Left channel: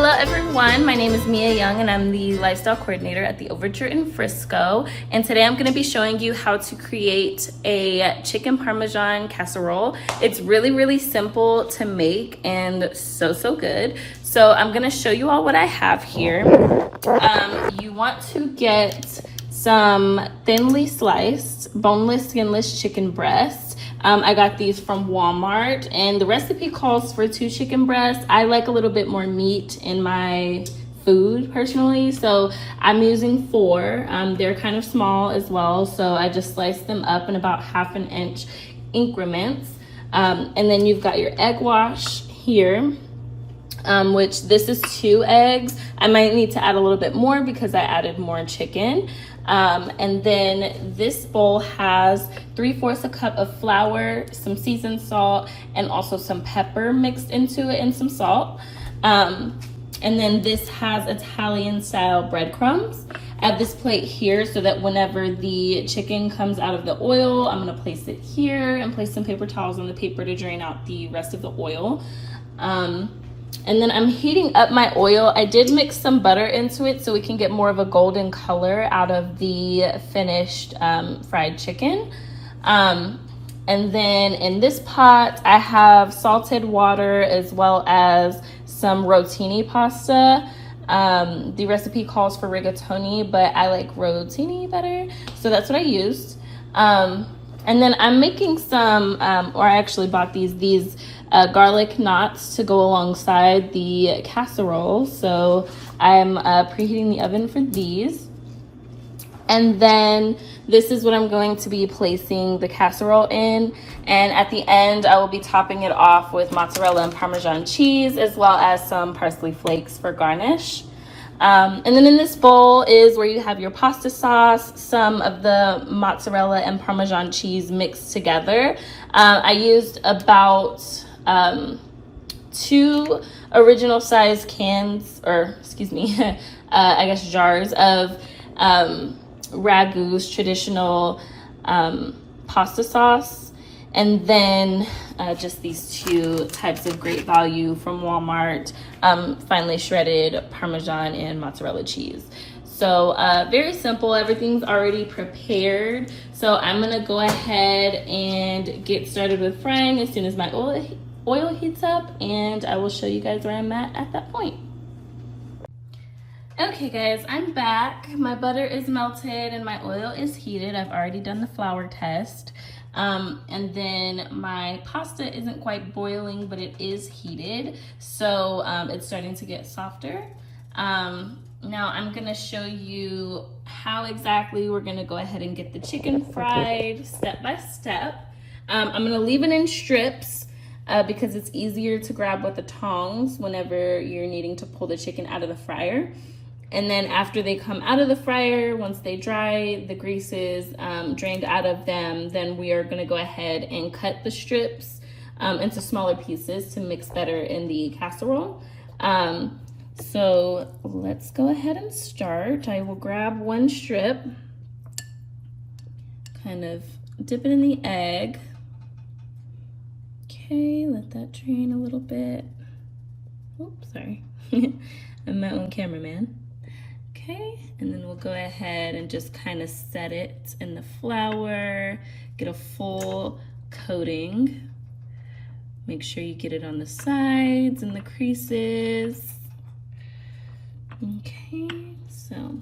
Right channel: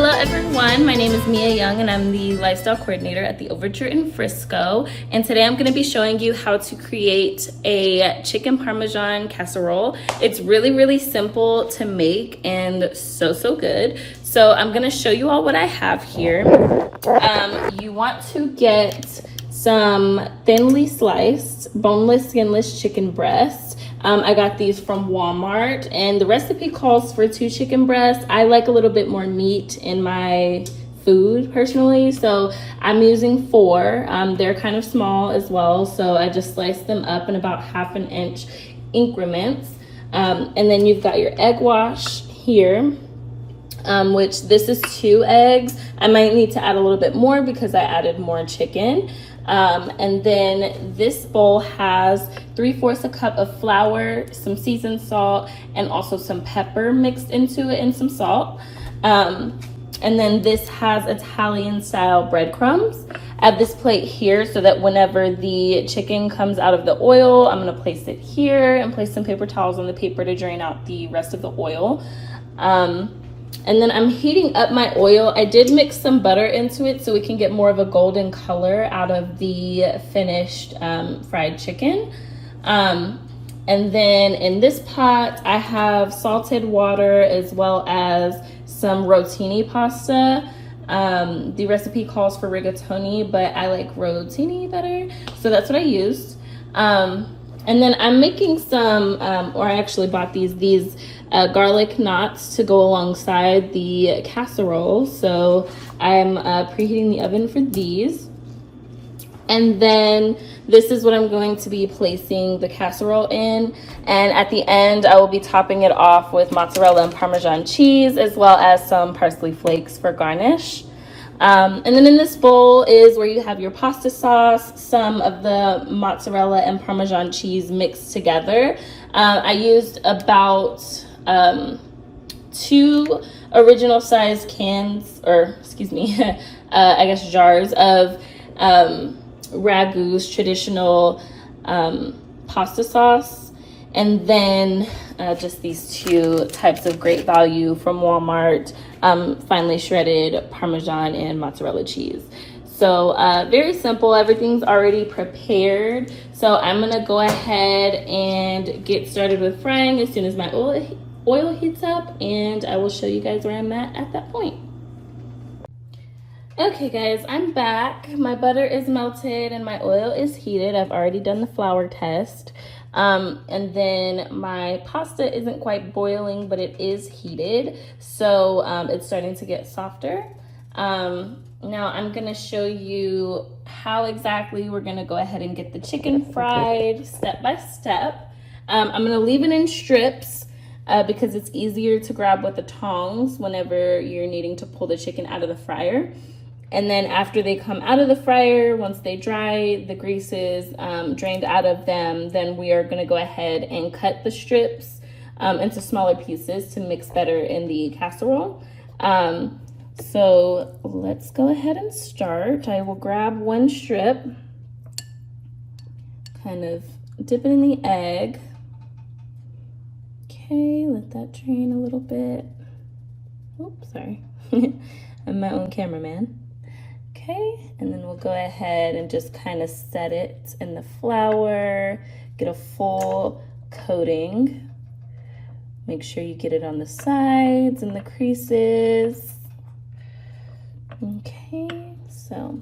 Hello everyone, my name is Mia Young and I'm the lifestyle coordinator at the Overture in Frisco. And today I'm going to be showing you how to create a chicken Parmesan casserole. It's really simple to make and so good. So I'm going to show you all what I have here. You want to get some thinly sliced, boneless, skinless chicken breasts. I got these from Walmart and the recipe calls for 2 chicken breasts. I like a little bit more meat in my food personally, so I'm using 4. They're kind of small as well, so I just sliced them up in about 1/2 inch increments. And then you've got your egg wash here, which this is 2 eggs. I might need to add a little bit more because I added more chicken. And then this bowl has 3/4 a cup of flour, some seasoned salt, and also some pepper mixed into it and some salt. And then this has Italian style breadcrumbs. I have this plate here so that whenever the chicken comes out of the oil, I'm gonna place it here and place some paper towels on the paper to drain out the rest of the oil. And then I'm heating up my oil. I did mix some butter into it so we can get more of a golden color out of the finished fried chicken. And then in this pot, I have salted water as well as some rotini pasta. The recipe calls for rigatoni, but I like rotini better, so that's what I used. And then I'm making some, or I actually bought these garlic knots to go alongside the casserole. So I'm preheating the oven for these. And then this is what I'm going to be placing the casserole in. And at the end, I will be topping it off with mozzarella and Parmesan cheese, as well as some parsley flakes for garnish. And then in this bowl is where you have your pasta sauce, some of the mozzarella and Parmesan cheese mixed together. I used about 2 original size cans, or excuse me, I guess jars of Ragu's traditional pasta sauce. And then just these 2 types of great value from Walmart, finely shredded Parmesan and mozzarella cheese. So very simple, everything's already prepared. So I'm gonna go ahead and get started with frying as soon as my oil heats up, and I will show you guys where I'm at that point. Okay guys, I'm back. My butter is melted and my oil is heated. I've already done the flour test. And then my pasta isn't quite boiling, but it is heated. So it's starting to get softer. Now I'm gonna show you how exactly we're gonna go ahead and get the chicken fried step by step. I'm gonna leave it in strips because it's easier to grab with the tongs whenever you're needing to pull the chicken out of the fryer. And then after they come out of the fryer, once they dry, the grease is drained out of them, then we are gonna go ahead and cut the strips into smaller pieces to mix better in the casserole. So let's go ahead and start. I will grab 1 strip, kind of dip it in the egg. Okay, let that drain a little bit. Oops, sorry. I'm my own cameraman. Okay, and then we'll go ahead and just kind of set it in the flour, get a full coating. Make sure you get it on the sides and the creases. Okay, so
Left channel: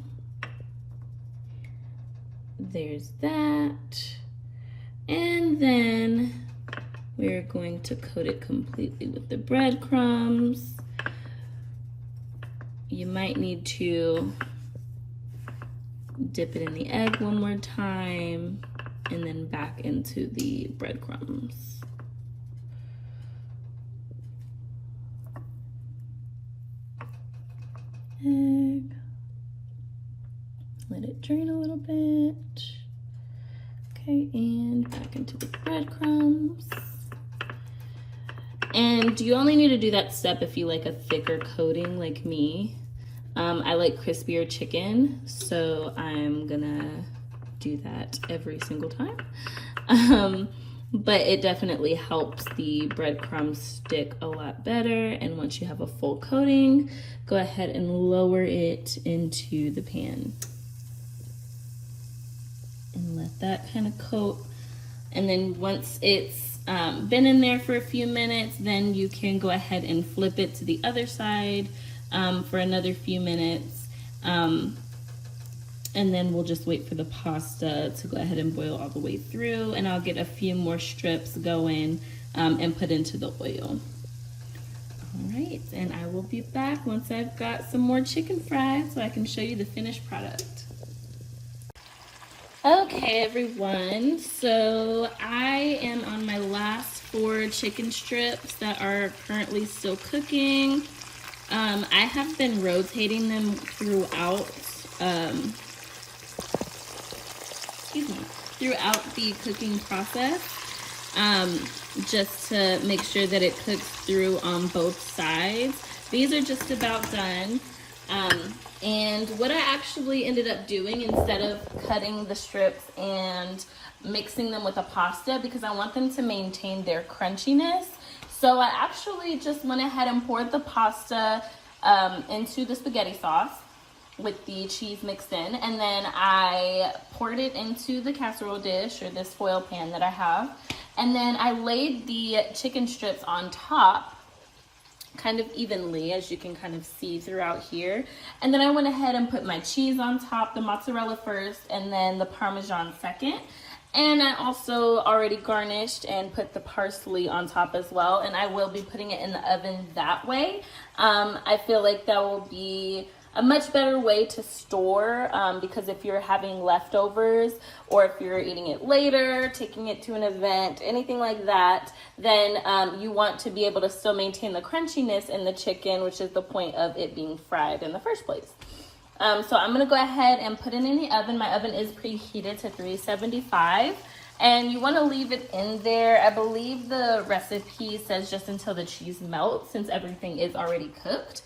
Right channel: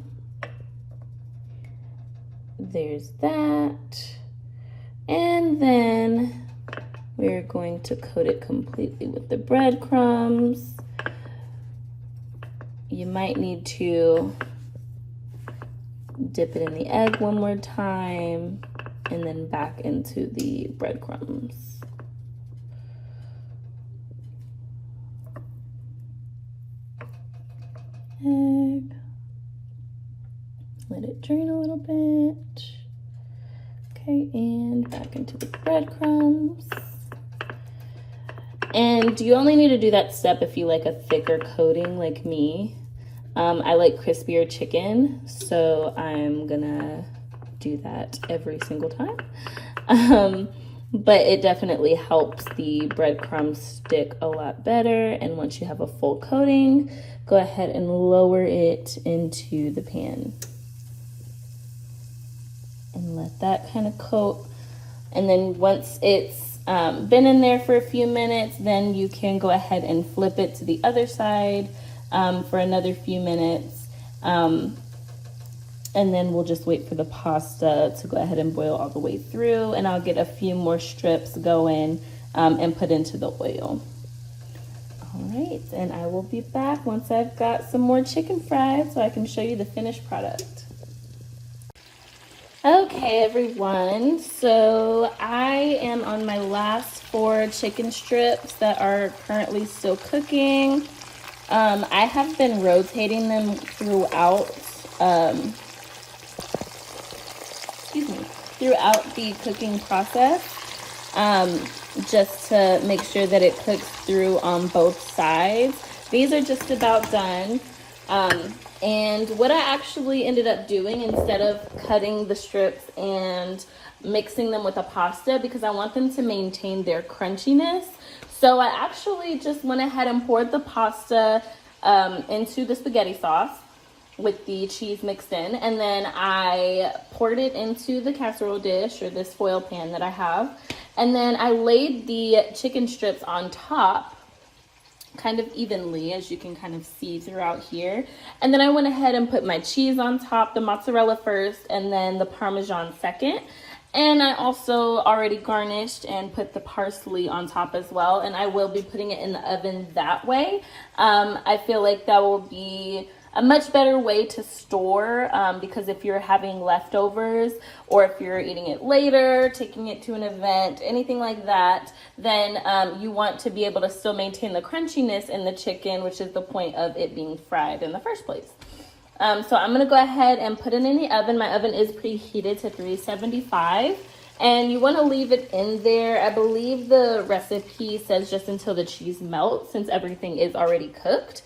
there's that. And then we're going to coat it completely with the breadcrumbs. You might need to dip it in the egg one more time and then back into the breadcrumbs. Egg. Let it drain a little bit. Okay, and back into the breadcrumbs. And you only need to do that step if you like a thicker coating like me. I like crispier chicken, so I'm gonna do that every single time. but it definitely helps the breadcrumbs stick a lot better. And once you have a full coating, go ahead and lower it into the pan and let that kind of coat. And then once it's been in there for a few minutes, then you can go ahead and flip it to the other side for another few minutes. And then we'll just wait for the pasta to go ahead and boil all the way through, and I'll get a few more strips going and put into the oil. All right, and I will be back once I've got some more chicken fried so I can show you the finished product. Okay, everyone, so I am on my last 4 chicken strips that are currently still cooking. I have been rotating them throughout throughout the cooking process, just to make sure that it cooks through on both sides. These are just about done. And what I actually ended up doing, instead of cutting the strips and mixing them with the pasta, because I want them to maintain their crunchiness, so I actually just went ahead and poured the pasta into the spaghetti sauce with the cheese mixed in, and then I poured it into the casserole dish, or this foil pan that I have, and then I laid the chicken strips on top kind of evenly, as you can kind of see throughout here. And then I went ahead and put my cheese on top, the mozzarella first, and then the Parmesan second. And I also already garnished and put the parsley on top as well, and I will be putting it in the oven that way. I feel like that will be a much better way to store, because if you're having leftovers, or if you're eating it later, taking it to an event, anything like that, then you want to be able to still maintain the crunchiness in the chicken, which is the point of it being fried in the first place. So I'm gonna go ahead and put it in the oven. My oven is preheated to 375. And you want to leave it in there. I believe the recipe says just until the cheese melts, since everything is already cooked.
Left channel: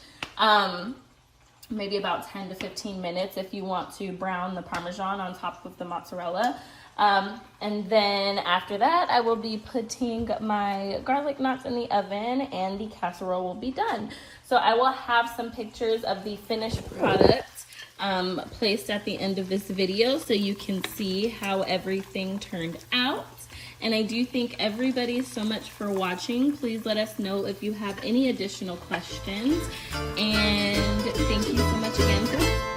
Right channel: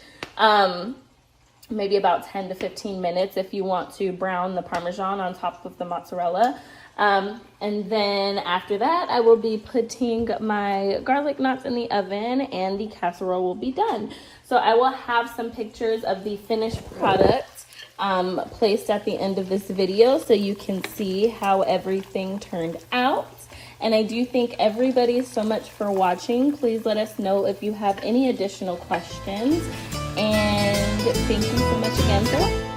Maybe about 10 to 15 minutes if you want to brown the Parmesan on top of the mozzarella. And then after that, I will be putting my garlic knots in the oven, and the casserole will be done. So I will have some pictures of the finished product placed at the end of this video so you can see how everything turned out. And I do thank everybody so much for watching. Please let us know if you have any additional questions. And thank you so much again for